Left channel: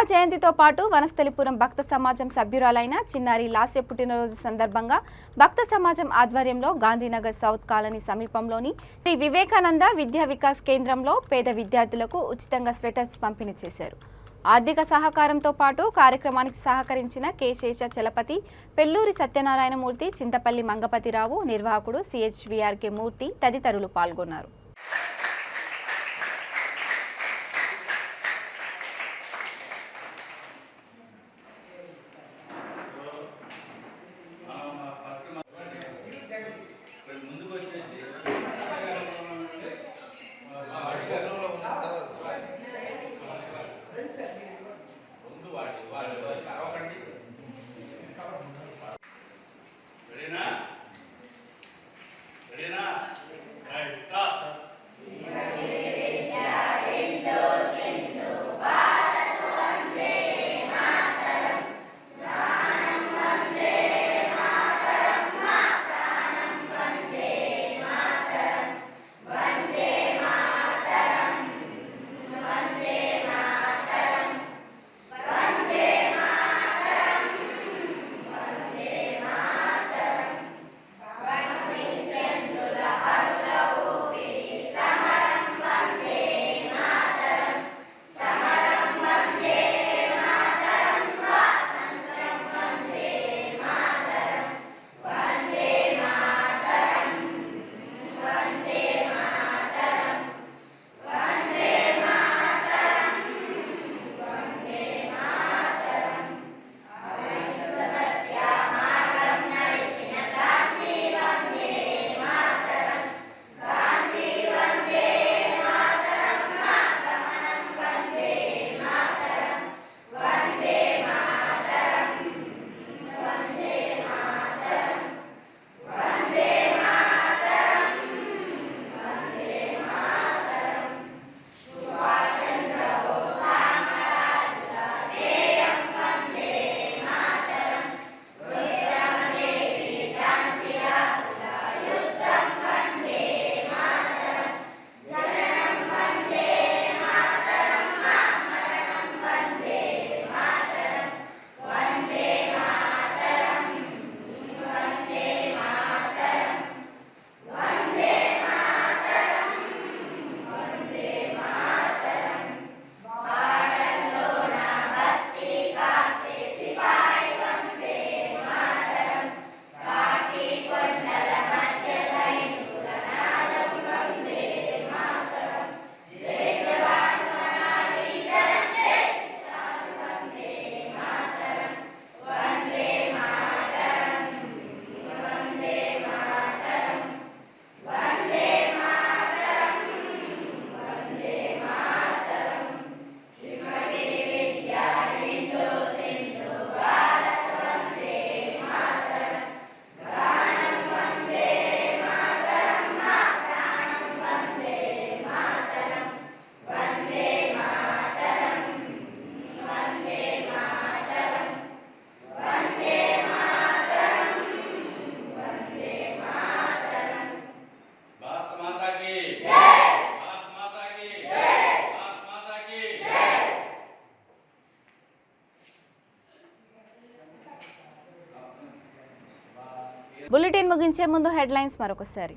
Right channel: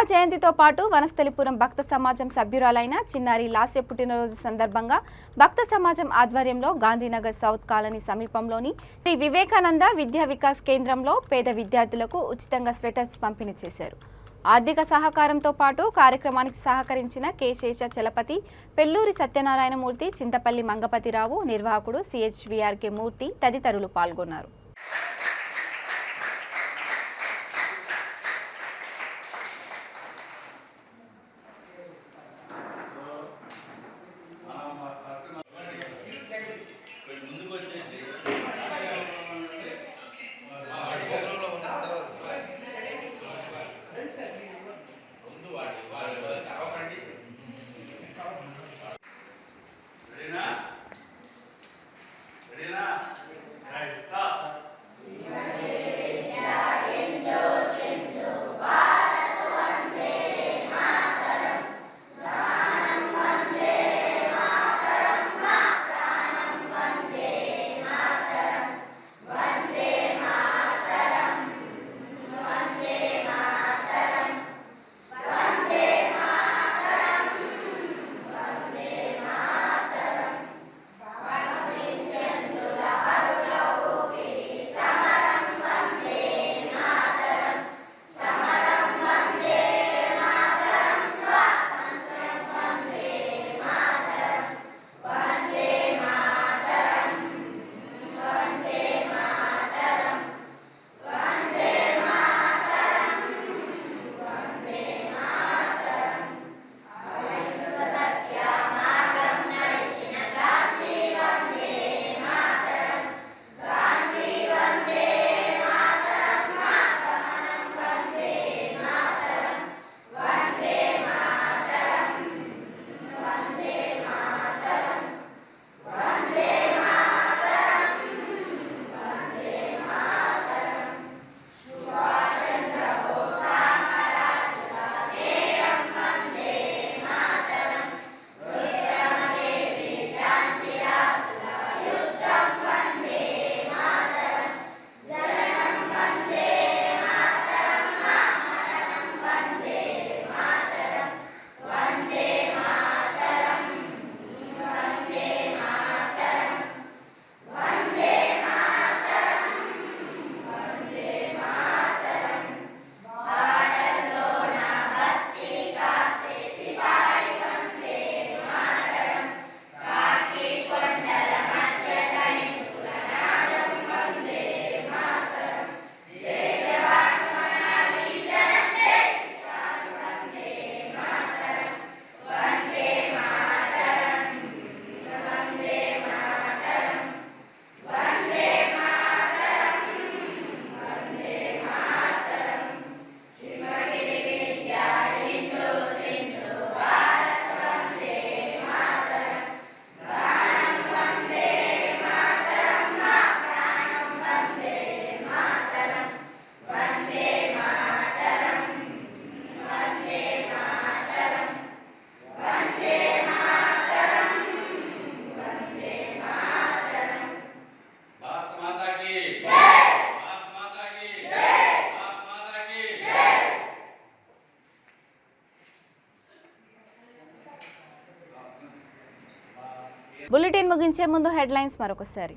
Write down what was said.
సీతా జయంతితో పాటు వనస్థలిపురం భక్త సమాజం సభ్యురాలైన చిన్నారి లాస్య పుట్టినరోజు సందర్భంగా భక్త సమాజం ఆధ్వర్యంలో గాంధీనగర్ సౌత్ కాలనీ సమీపంలోని శ్రీ వివేకానంద విద్యా వికాస్ కేంద్రంలో పేద విద్యార్థులకు ఉచితంగా స్వెటర్స్ పంపిణీ చేశారు. ఆర్థిక సహకారంతో పాటు కార్యక్రమానికి సహకరించిన కె శేషచలపతి, పెల్లూరి సత్యనారాయణమూర్తి, చింతపల్లి మంగపతిరావు, నిర్వాహకుడు సిహెచ్విఆర్కే మూర్తి తదితరులు పాల్గొన్నారు. బులెటిన్ ముగించే ముందు హెడ్లైన్స్ మరొకసారి.